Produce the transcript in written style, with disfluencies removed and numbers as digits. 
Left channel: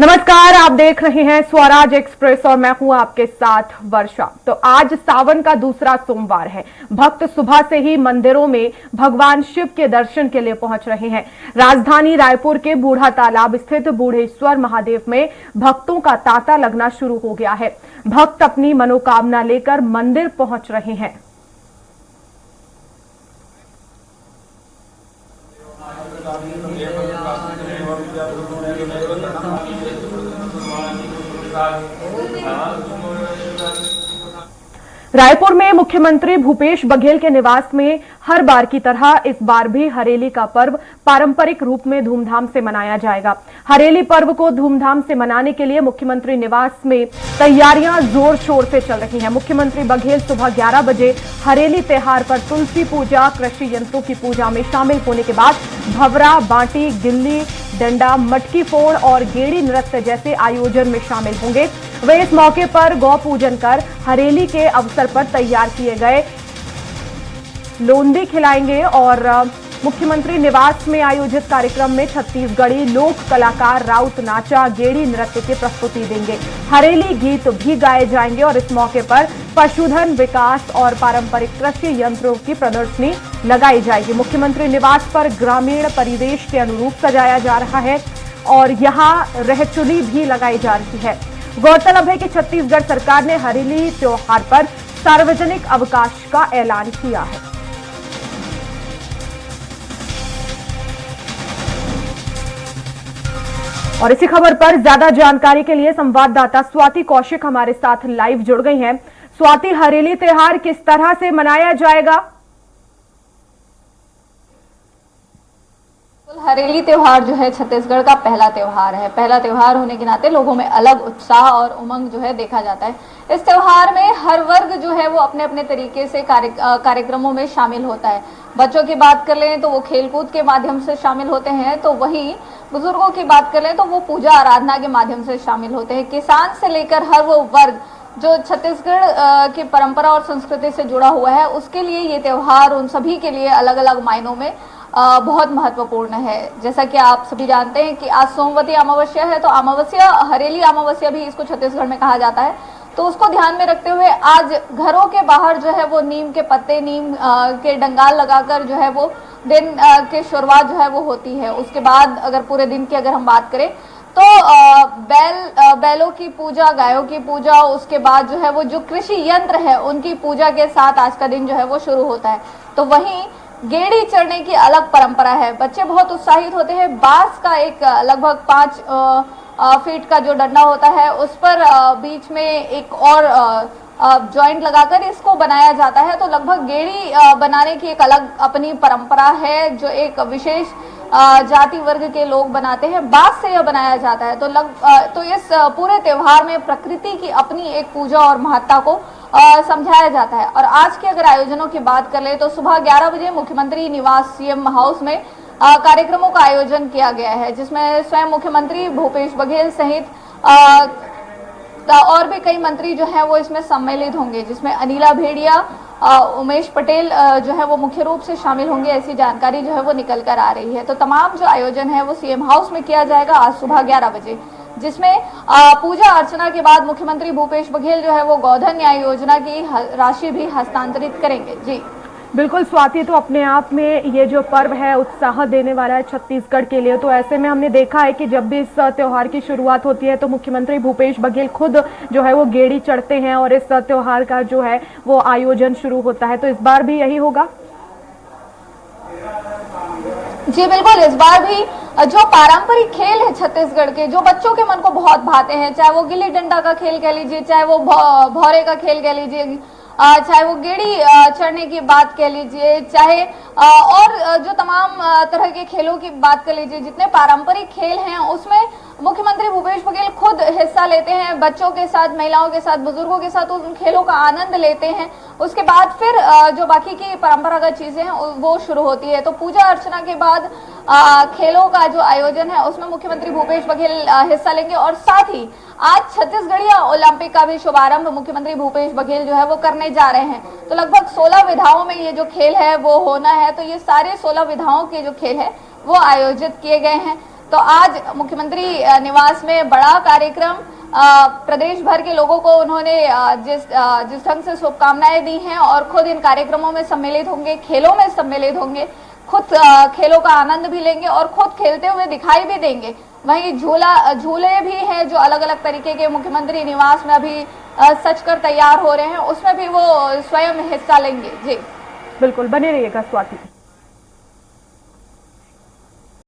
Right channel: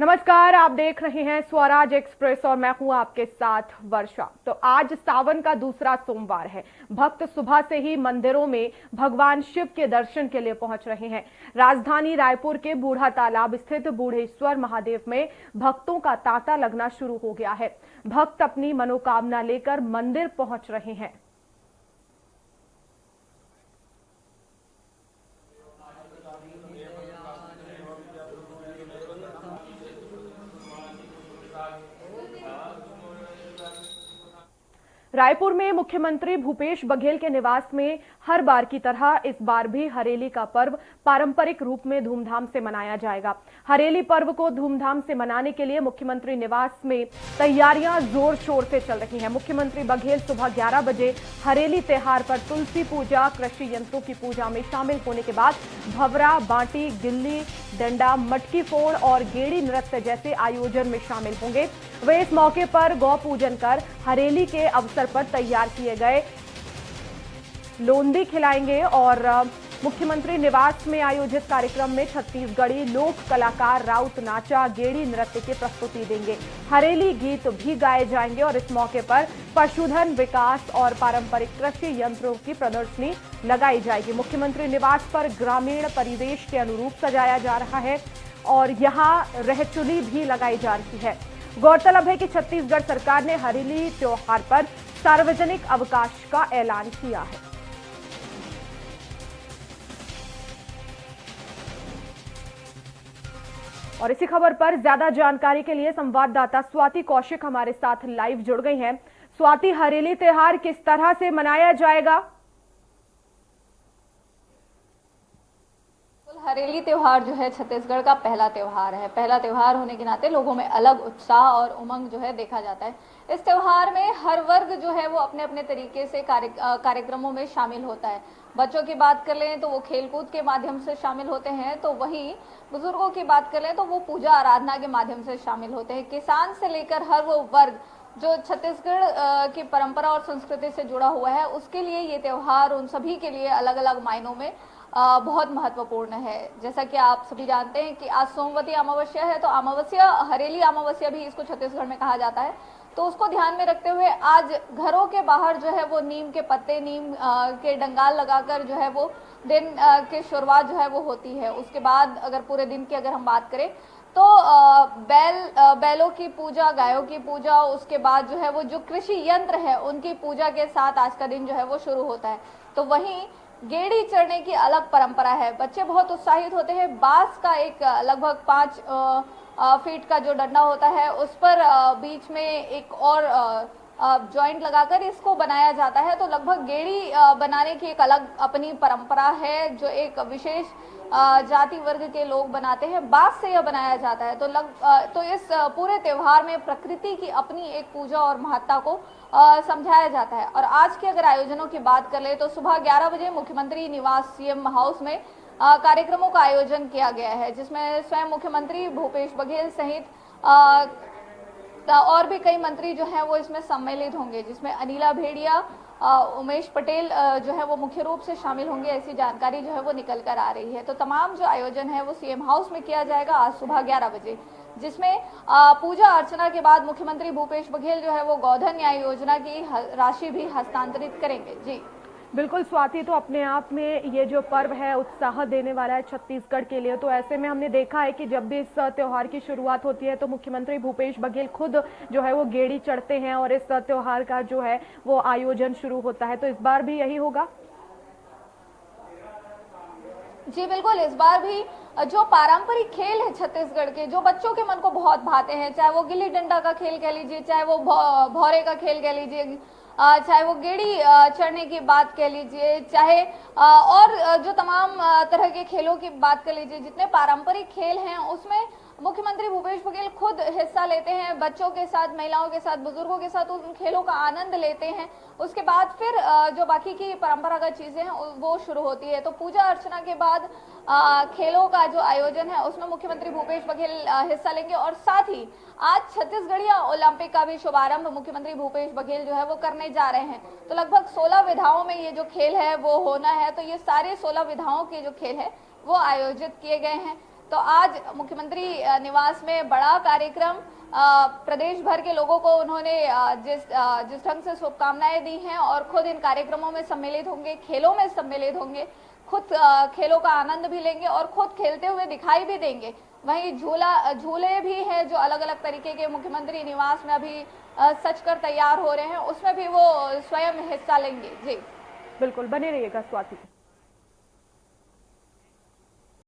नमस्कार, आप देख रहे हैं स्वराज एक्सप्रेस और मैं हूं आपके साथ वर्षा। तो आज सावन का दूसरा सोमवार है। भक्त सुबह से ही मंदिरों में भगवान शिव के दर्शन के लिए पहुंच रहे हैं। राजधानी रायपुर के बूढ़ा तालाब स्थित बूढ़ेश्वर महादेव में भक्तों का तांता लगना शुरू हो गया है। भक्त अपनी मनोकामना लेकर मंदिर पहुंच रहे हैं। रायपुर में मुख्यमंत्री भूपेश बघेल के निवास में हर बार की तरह इस बार भी हरेली का पर्व पारंपरिक रूप में धूमधाम से मनाया जाएगा। हरेली पर्व को धूमधाम से मनाने के लिए मुख्यमंत्री निवास में तैयारियां जोर शोर से चल रही हैं। मुख्यमंत्री बघेल सुबह 11 बजे हरेली त्योहार पर तुलसी पूजा, कृषि यंत्रों की पूजा में शामिल होने के बाद भवरा, बांटी, गिल्ली डंडा, मटकी फोड़ और गेड़ी नृत्य जैसे आयोजन में शामिल होंगे। वे इस मौके पर गौ पूजन कर हरेली के अवसर पर तैयार किए गए लोंदी खिलाएंगे और मुख्यमंत्री निवास में आयोजित कार्यक्रम में छत्तीसगढ़ी लोक कलाकार राउत नाचा, गेड़ी नृत्य की प्रस्तुति देंगे। हरेली गीत भी गाए जाएंगे और इस मौके पर पशुधन विकास और पारंपरिक कृषि यंत्रों की प्रदर्शनी लगाई जाएगी। मुख्यमंत्री निवास पर ग्रामीण परिवेश के अनुरूप सजाया जा रहा है और यहाँ रहचुली भी लगाई जा रही है। गौरतलब है कि छत्तीसगढ़ सरकार ने हरेली त्योहार पर सार्वजनिक अवकाश का ऐलान किया है। और इसी खबर पर ज्यादा जानकारी के लिए संवाददाता स्वाति कौशिक हमारे साथ लाइव जुड़ गई हैं। स्वाति, हरेली त्योहार किस तरह से मनाया जाएगा? हरेली त्योहार जो है छत्तीसगढ़ का पहला त्योहार है। पहला त्योहार होने के नाते लोगों में अलग उत्साह और उमंग जो है देखा जाता है। इस त्योहार में हर वर्ग जो है वो अपने अपने तरीके से कार्यक्रमों में शामिल होता है। बच्चों की बात कर लें तो वो खेलकूद के माध्यम से शामिल होते हैं, तो वहीं बुजुर्गों की बात कर लें तो वो पूजा आराधना के माध्यम से शामिल होते हैं। किसान से लेकर हर वो वर्ग जो छत्तीसगढ़ की परंपरा और संस्कृति से जुड़ा हुआ है, उसके लिए ये त्योहार उन सभी के लिए अलग अलग मायनों में बहुत महत्वपूर्ण है। जैसा कि आप सभी जानते हैं कि आज सोमवती अमावस्या है, तो अमावस्या, हरेली अमावस्या भी इसको छत्तीसगढ़ में कहा जाता है। तो उसको ध्यान में रखते हुए आज घरों के बाहर जो है वो नीम के पत्ते, नीम के डंगाल लगाकर जो है वो दिन के शुरुआत जो है वो होती है। उसके बाद अगर पूरे दिन की अगर हम बात करें तो बैलों की पूजा, गायों की पूजा, उसके बाद जो है वो जो कृषि यंत्र है उनकी पूजा के साथ आज का दिन जो है वो शुरू होता है। तो वहीं गेड़ी चढ़ने की अलग परंपरा है। बच्चे बहुत उत्साहित होते हैं। बांस का एक लगभग 5 फीट का जो डंडा होता है उस पर बीच में एक और जॉइंट लगाकर इसको बनाया जाता है। तो लगभग गेड़ी बनाने की एक अलग अपनी परंपरा है जो एक विशेष जाति वर्ग के लोग बनाते हैं। बांस से यह बनाया जाता है। तो इस पूरे त्योहार में प्रकृति की अपनी एक पूजा और महत्ता को समझाया जाता है। और आज के अगर आयोजनों की बात कर ले तो सुबह 11 बजे मुख्यमंत्री निवास सीएम हाउस में कार्यक्रमों का आयोजन किया गया है, जिसमें स्वयं मुख्यमंत्री भूपेश बघेल सहित और भी कई मंत्री जो है वो इसमें सम्मिलित होंगे, जिसमें अनिला भेड़िया, उमेश पटेल जो है वो मुख्य रूप से शामिल होंगे। ऐसी जानकारी जो है वो निकल कर आ रही है। तो तमाम जो आयोजन है वो सीएम हाउस में किया जाएगा आज सुबह 11 बजे, जिसमें पूजा अर्चना के बाद मुख्यमंत्री भूपेश बघेल जो है वो गोधन न्याय योजना की राशि भी हस्तांतरित करेंगे। जी बिल्कुल स्वाति, तो अपने आप में ये जो पर्व है उत्साह देने वाला है छत्तीसगढ़ के लिए। तो ऐसे में हमने देखा है कि जब भी इस त्योहार की शुरुआत होती है तो मुख्यमंत्री भूपेश बघेल खुद जो है वो गेड़ी चढ़ते हैं और इस त्योहार का जो है वो आयोजन शुरू होता है। तो इस बार भी यही होगा? जी बिल्कुल, इस बार भी जो पारंपरिक खेल है छत्तीसगढ़ के, जो बच्चों के मन को बहुत भाते हैं, चाहे वो गिल्ली डंडा का खेल कह लीजिए, चाहे वो भौरे का खेल कह लीजिए, चाहे वो गेड़ी चढ़ने की बात कह लीजिए, चाहे और जो तमाम तरह के खेलों की बात कर लीजिए, जितने पारंपरिक खेल हैं उसमें मुख्यमंत्री भूपेश बघेल खुद हिस्सा लेते हैं। बच्चों के साथ, महिलाओं के साथ, बुजुर्गों के साथ उन खेलों का आनंद लेते हैं। उसके बाद फिर जो बाकी की परंपरागत चीजें हैं वो शुरू होती है। तो पूजा अर्चना के बाद खेलों का जो आयोजन है उसमें मुख्यमंत्री भूपेश बघेल हिस्सा लेंगे। और साथ ही आज छत्तीसगढ़िया ओलंपिक का भी शुभारंभ मुख्यमंत्री भूपेश बघेल जो है वो करने जा रहे हैं। तो लगभग 16 विधाओं में ये जो खेल है वो होना है। तो ये सारे 16 विधाओं के जो खेल है वो आयोजित किए गए हैं। तो आज मुख्यमंत्री निवास में बड़ा कार्यक्रम, प्रदेश भर के लोगों को उन्होंने जिस ढंग से शुभकामनाएं दी हैं और खुद इन कार्यक्रमों में सम्मिलित होंगे, खेलों में सम्मिलित होंगे, खुद खेलों का आनंद भी लेंगे और खुद खेलते हुए दिखाई भी देंगे। वहीं झूले भी हैं जो अलग अलग तरीके के मुख्यमंत्री निवास में अभी सज कर तैयार हो रहे हैं, उसमें भी वो स्वयं हिस्सा लेंगे। जी बिल्कुल, बने रहिएगा स्वाति।